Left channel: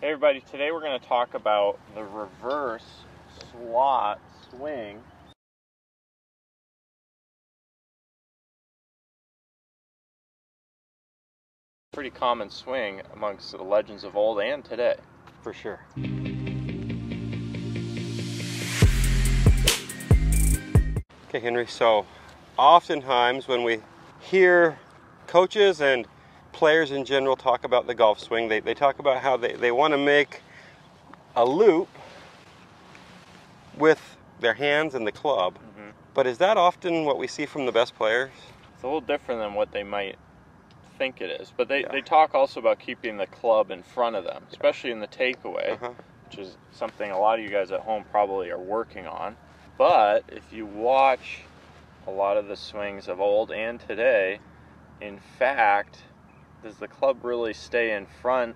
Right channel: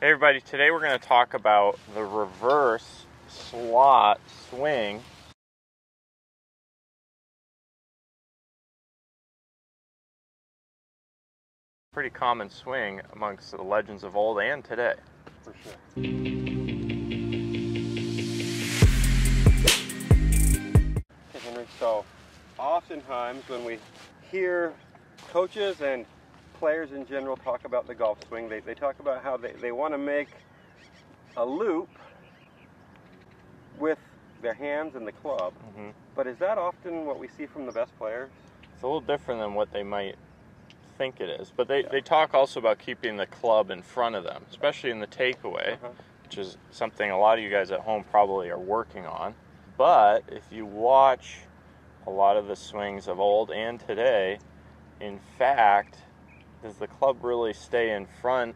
Hey everybody, today we're going to talk about the reverse slot swing. Pretty common swing amongst the legends of old and today. For sure. Okay, Henry, so oftentimes when we hear coaches and players in general talk about the golf swing, they talk about how they want to make a loop with their hands and the club. Mm-hmm. But is that often what we see from the best players? It's a little different than what they might think it is. But they talk also about keeping the club in front of them, especially in the takeaway, which is something a lot of you guys at home probably are working on. But if you watch a lot of the swings of old and today, in fact, does the club really stay in front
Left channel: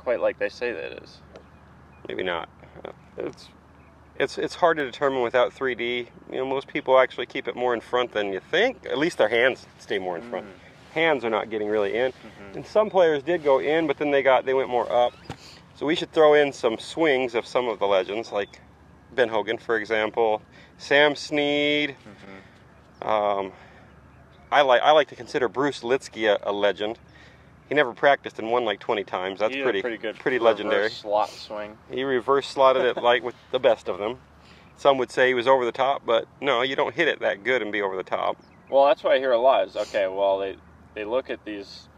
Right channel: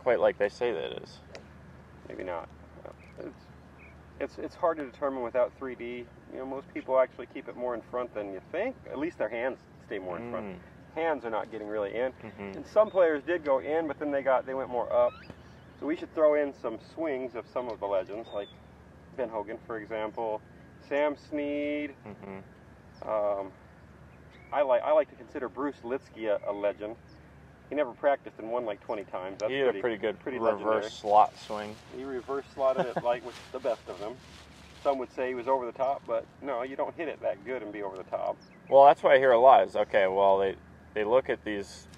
quite like they say that it is? Maybe not. It's hard to determine without 3D. You know, most people actually keep it more in front than you think. At least their hands stay more in front. Hands are not getting really in. And some players did go in, but then they went more up. So we should throw in some swings of some of the legends, like Ben Hogan, for example, Sam Snead. I like to consider Bruce Lietzke a legend. He never practiced and won like 20 times. That's pretty good, pretty legendary. Reverse slot swing. He reverse slotted it like with the best of them. Some would say he was over the top, but no, you don't hit it that good and be over the top. Well, that's what I hear a lot is, okay, well, they look at these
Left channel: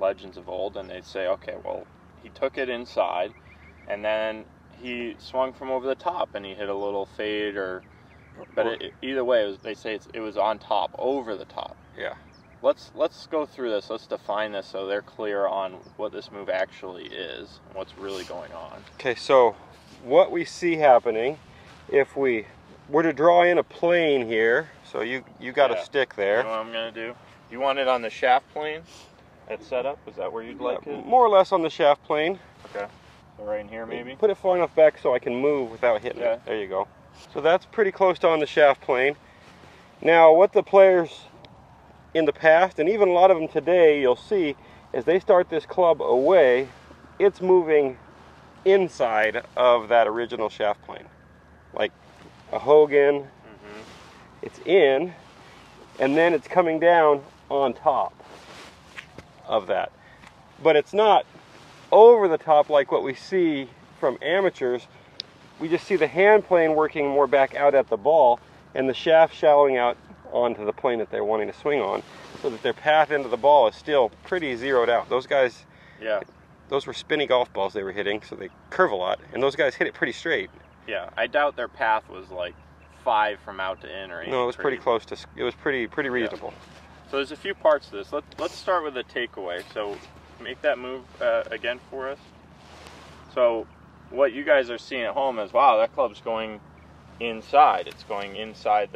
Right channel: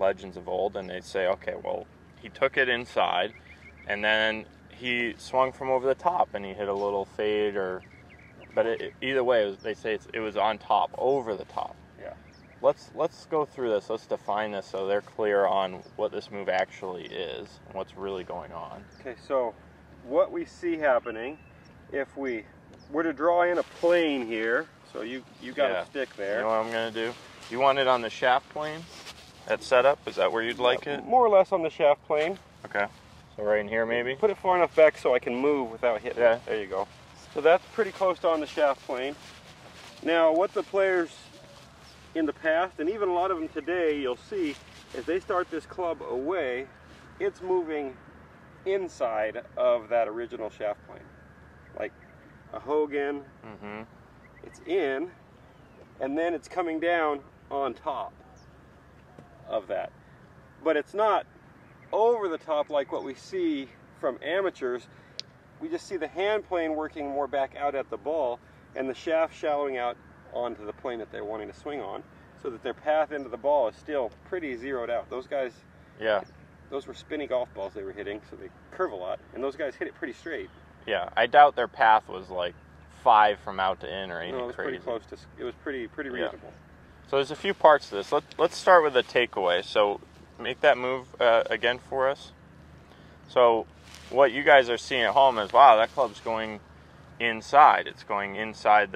legends of old and they say, okay, well, he took it inside and then he swung from over the top and he hit a little fade but either way, they say it was on top, over the top. Yeah. Let's go through this. Let's define this so they're clear on what this move actually is and what's really going on. Okay, so what we see happening, if we were to draw in a plane here, so you got a stick there. You know what I'm going to do? You want it on the shaft plane at setup? Is that where you'd like it? More or less on the shaft plane. Okay. So right in here maybe? Put it far enough back so I can move without hitting it. There you go. So that's pretty close to on the shaft plane. Now what the players in the past, and even a lot of them today, you'll see, as they start this club away, it's moving inside of that original shaft plane. Like a Hogan, it's in, and then it's coming down on top of that. But it's not over the top like what we see from amateurs. We just see the hand plane working more back out at the ball and the shaft shallowing out onto the plane that they're wanting to swing on, so that their path into the ball is still pretty zeroed out. Those guys, those were spinny golf balls they were hitting, so they curve a lot, and those guys hit it pretty straight. Yeah, I doubt their path was like 5 from out to in or anything. No, it was pretty close to, it was pretty reasonable. Yeah. So there's a few parts to this. Let's start with the takeaway. So make that move again for us. So what you guys are seeing at home is, wow, that club's going inside. It's going inside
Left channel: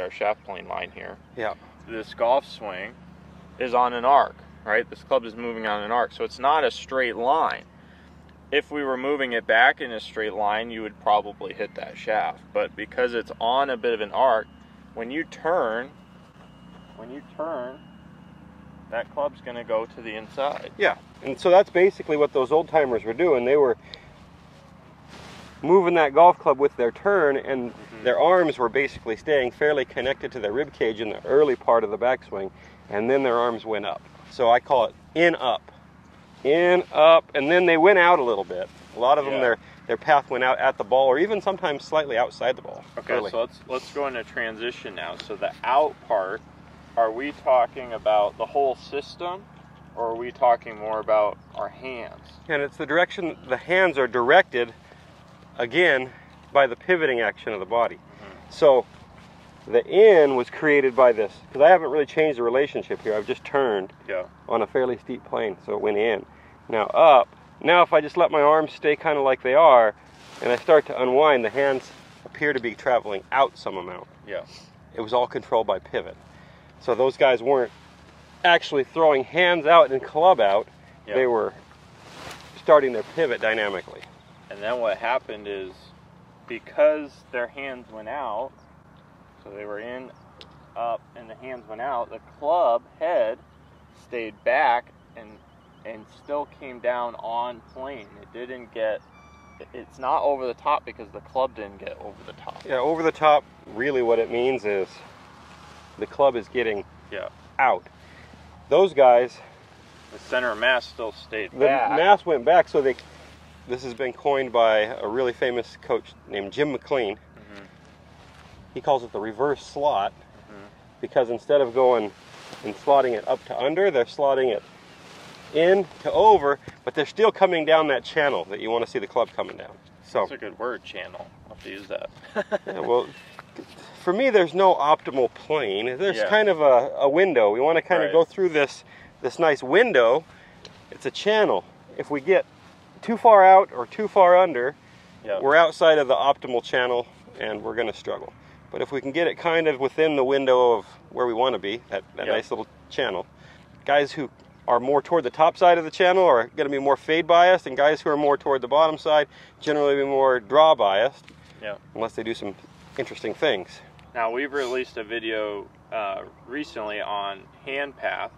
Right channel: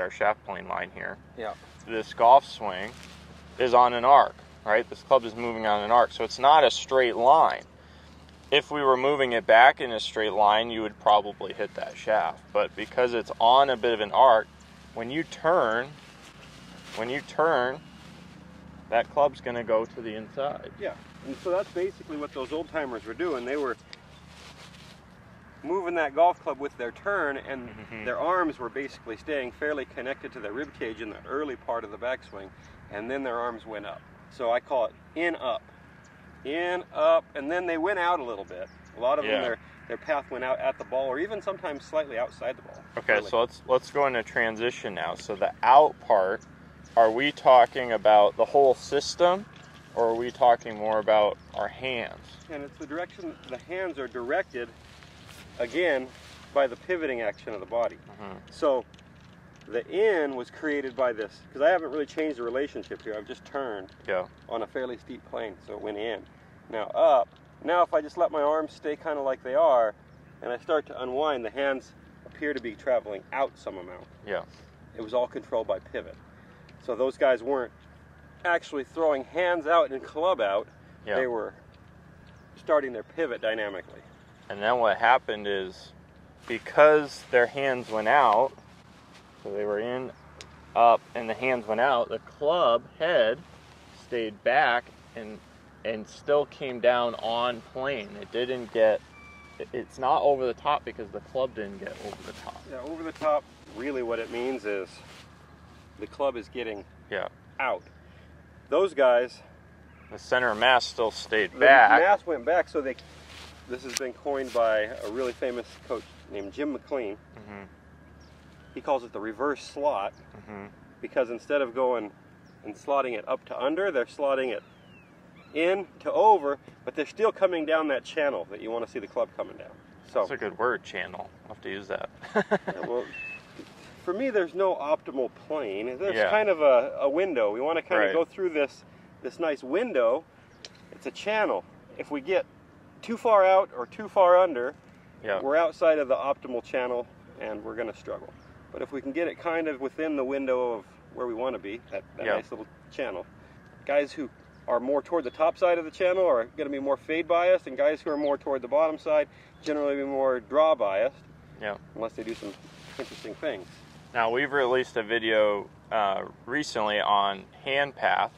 our shaft plane line here. Yeah. This golf swing is on an arc, right? This club is moving on an arc, so it's not a straight line. If we were moving it back in a straight line, you would probably hit that shaft. But because it's on a bit of an arc, when you turn, that club's going to go to the inside. Yeah, and so that's basically what those old timers were doing. They were moving that golf club with their turn, and their arms were basically staying fairly connected to their rib cage in the early part of the backswing, and then their arms went up. So I call it in up, and then they went out a little bit. A lot of them, their path went out at the ball, or even sometimes slightly outside the ball. Okay, so let's go into transition now. So the out part, are we talking about the whole system, or are we talking more about our hands? And it's the direction the hands are directed, again, by the pivoting action of the body. So the in was created by this, because I haven't really changed the relationship here. I've just turned on a fairly steep plane, so it went in. Now up. Now if I just let my arms stay kind of like they are, and I start to unwind, the hands appear to be traveling out some amount. Yeah. It was all controlled by pivot. So those guys weren't actually throwing hands out and club out. They were starting their pivot dynamically. And then what happened is, because their hands went out, so they were in, up, and the hands went out, the club head stayed back and and still came down on plane. It didn't get, it's not over the top because the club didn't get over the top. Yeah, over the top, really what it means is the club is getting out. Those guys, the center of mass still stayed the back. mass went back, so this has been coined by a really famous coach named Jim McLean. He calls it the reverse slot, because instead of going and slotting it up to under, they're slotting it in to over, but they're still coming down that channel that you want to see the club coming down. So that's a good word, channel. I'll have to use that. Yeah, well, for me, there's no optimal plane. There's kind of a window. We want to kind of go through this nice window. It's a channel. If we get too far out or too far under, we're outside of the optimal channel and we're going to struggle. But if we can get it kind of within the window of where we want to be, that nice little channel, guys who are more toward the top side of the channel are going to be more fade biased, and guys who are more toward the bottom side generally be more draw biased, unless they do some interesting things. Now, we've released a video recently on hand path,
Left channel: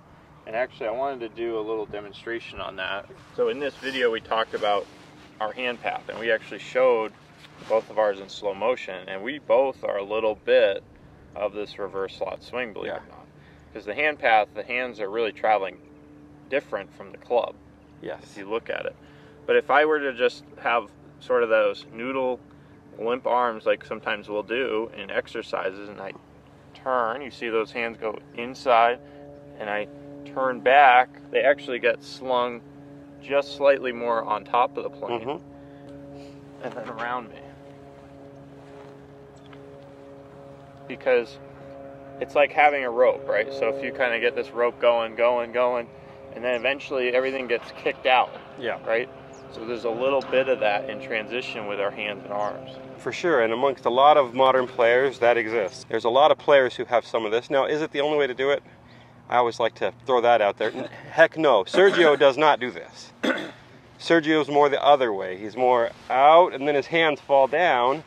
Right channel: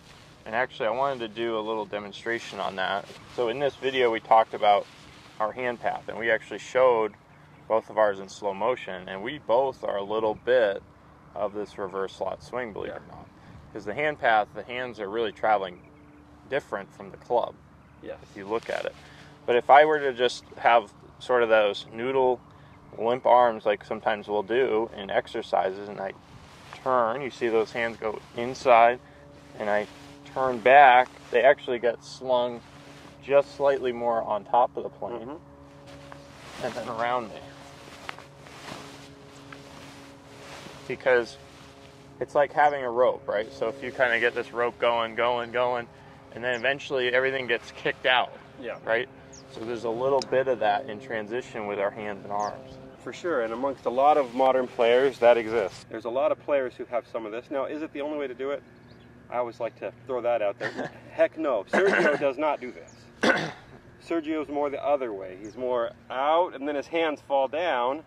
and actually I wanted to do a little demonstration on that. So in this video we talked about our hand path, and we actually showed both of ours in slow motion, and we both are a little bit of this reverse slot swing, believe it or not. Because the hand path, the hands are really traveling different from the club. Yes. If you look at it. But if I were to just have sort of those noodle limp arms like sometimes we'll do in exercises, and I turn, you see those hands go inside, and I turn back, they actually get slung just slightly more on top of the plane and then around me. Because it's like having a rope, right? So if you kind of get this rope going, and then eventually everything gets kicked out, right? So there's a little bit of that in transition with our hands and arms. For sure, and amongst a lot of modern players, that exists. There's a lot of players who have some of this. Now, is it the only way to do it? I always like to throw that out there. Heck no, Sergio does not do this. Sergio's more the other way. He's more out, and then his hands fall down.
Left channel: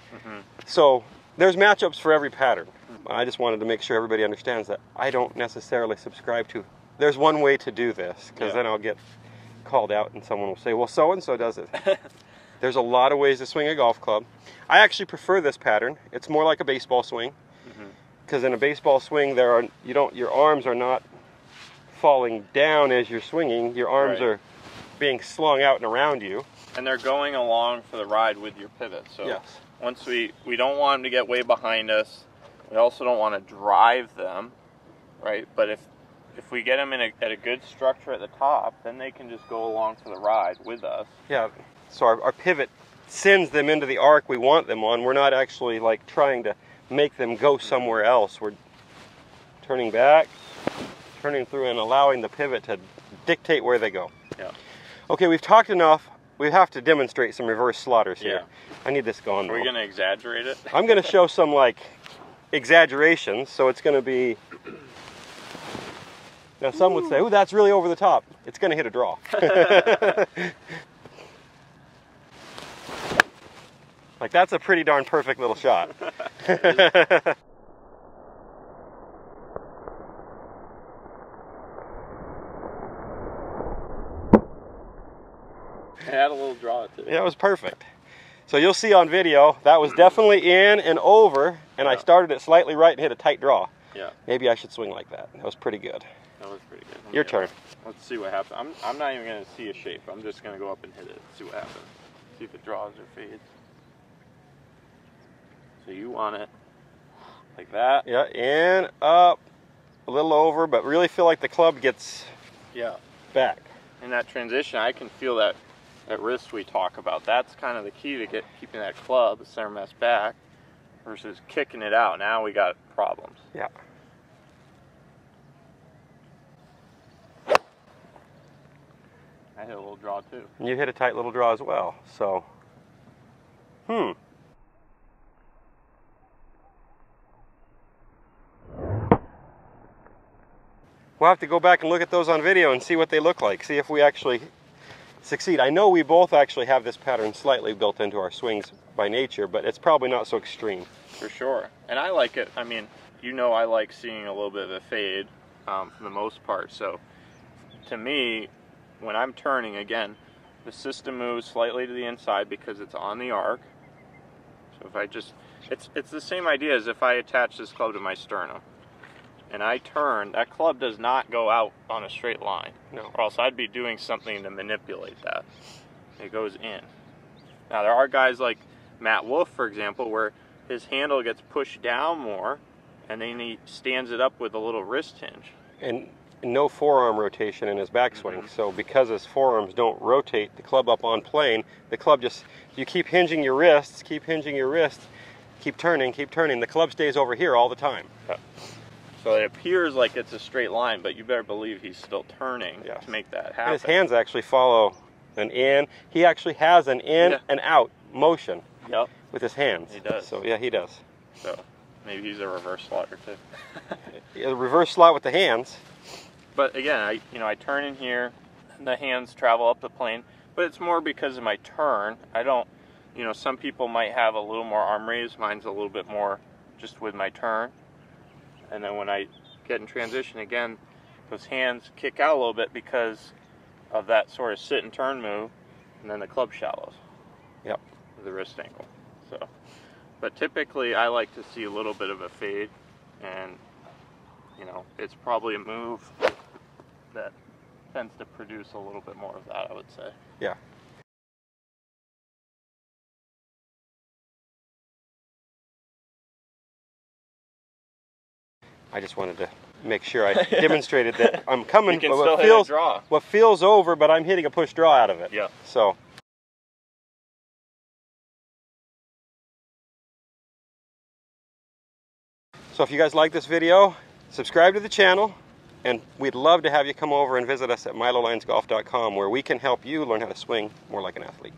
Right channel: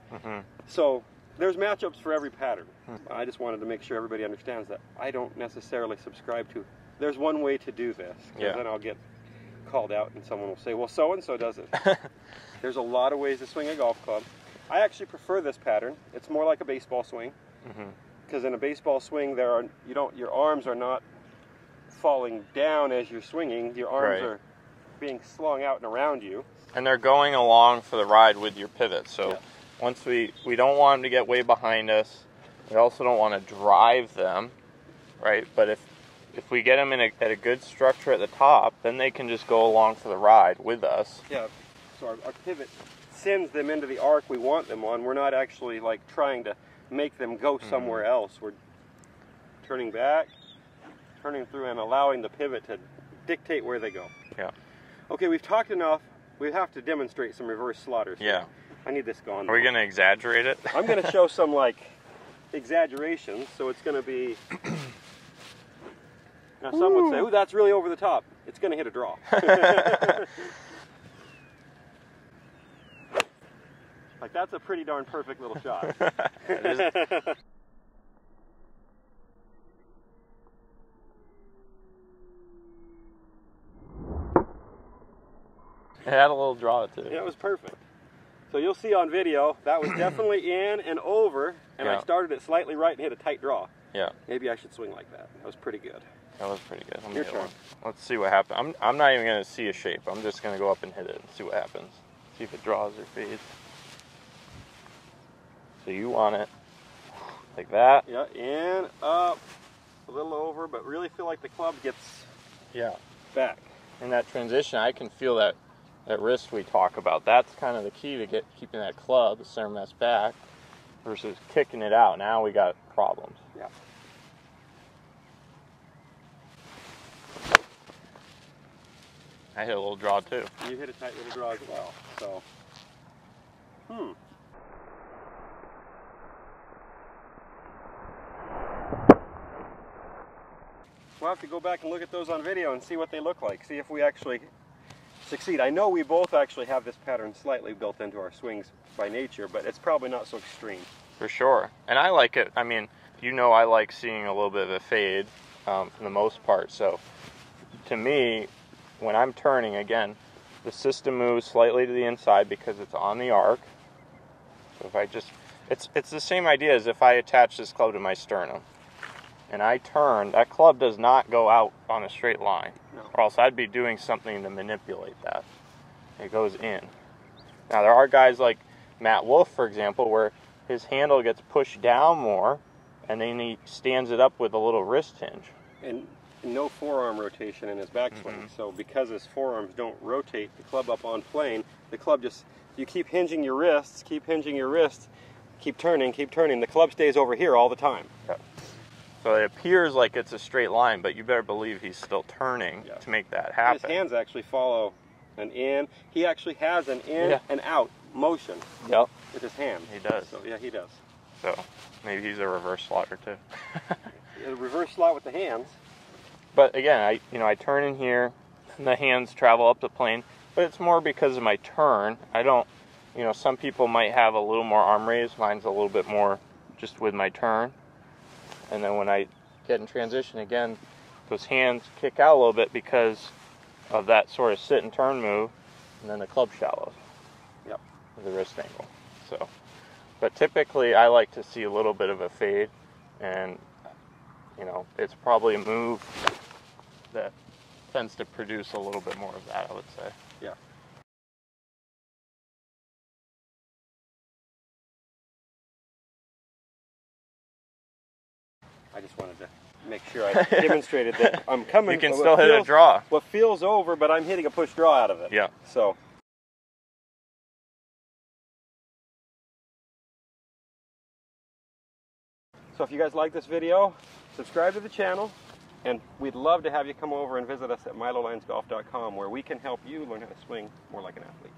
So there's matchups for every pattern. I just wanted to make sure everybody understands that I don't necessarily subscribe to, there's one way to do this, because then I'll get called out and someone will say, well, so-and-so does it. There's a lot of ways to swing a golf club. I actually prefer this pattern. It's more like a baseball swing, because in a baseball swing, your arms are not falling down as you're swinging. Your arms are being slung out and around you. And they're going along for the ride with your pivot. So once we don't want them to get way behind us. We also don't want to drive them, right? But if we get them at a good structure at the top, then they can just go along for the ride with us. Yeah, so our pivot sends them into the arc we want them on. We're not actually like trying to make them go somewhere else. We're turning back, turning through, and allowing the pivot to dictate where they go. Okay, we've talked enough. We have to demonstrate some reverse slotters here. I need this going. Are we going to exaggerate it? I'm going to show some like exaggerations, so it's going to be, now some would say, oh, that's really over the top. It's going to hit a draw. Like, that's a pretty darn perfect little shot. It had a little draw too. Yeah, it was perfect. So you'll see on video, that was definitely in and over, and I started it slightly right and hit a tight draw. Maybe I should swing like that. That was pretty good. That was pretty good. Your turn. Let's see what happens. I'm not even going to see a shape. I'm just going to go up and hit it and see what happens. See if it draws or fades. So you want it like that. Yeah, in, up, a little over, but really feel like the club gets back. In that transition, I can feel that wrist we talk about. That's kind of the key to keeping that club, the center mass back, versus kicking it out. Now we got problems. Yeah. I hit a little draw too. You hit a tight little draw as well. So, we'll have to go back and look at those on video and see what they look like. See if we actually succeed. I know we both actually have this pattern slightly built into our swings by nature, but it's probably not so extreme. For sure. And I like it. I mean, you know, I like seeing a little bit of a fade for the most part. So to me, when I'm turning, again, the system moves slightly to the inside because it's on the arc. So if I just, it's the same idea as if I attach this club to my sternum and I turn, that club does not go out on a straight line. No. Or else I'd be doing something to manipulate that. It goes in. Now there are guys like Matt Wolff, for example, where his handle gets pushed down more and then he stands it up with a little wrist hinge. And no forearm rotation in his backswing. So because his forearms don't rotate the club up on plane, the club just, you keep hinging your wrists, keep turning, the club stays over here all the time. Yeah. So it appears like it's a straight line, but you better believe he's still turning to make that happen. His hands actually follow an in. He actually has an in and out motion with his hands. He does. So yeah, he does. So maybe he's a reverse slotter too. A reverse slot with the hands. But again, I turn in here, and the hands travel up the plane, but it's more because of my turn. I don't, some people might have a little more arm raise. Mine's a little bit more just with my turn. And then when I get in transition again, those hands kick out a little bit because of that sort of sit and turn move, and then the club shallows. Yep. With the wrist angle. So, but typically I like to see a little bit of a fade, and it's probably a move that tends to produce a little bit more of that, I would say. Yeah. I just wanted to make sure I demonstrated that I'm coming. You can still hit a draw. What feels over, but I'm hitting a push draw out of it. Yeah. So if you guys like this video, subscribe to the channel, and we'd love to have you come over and visit us at milolinesgolf.com, where we can help you learn how to swing more like an athlete.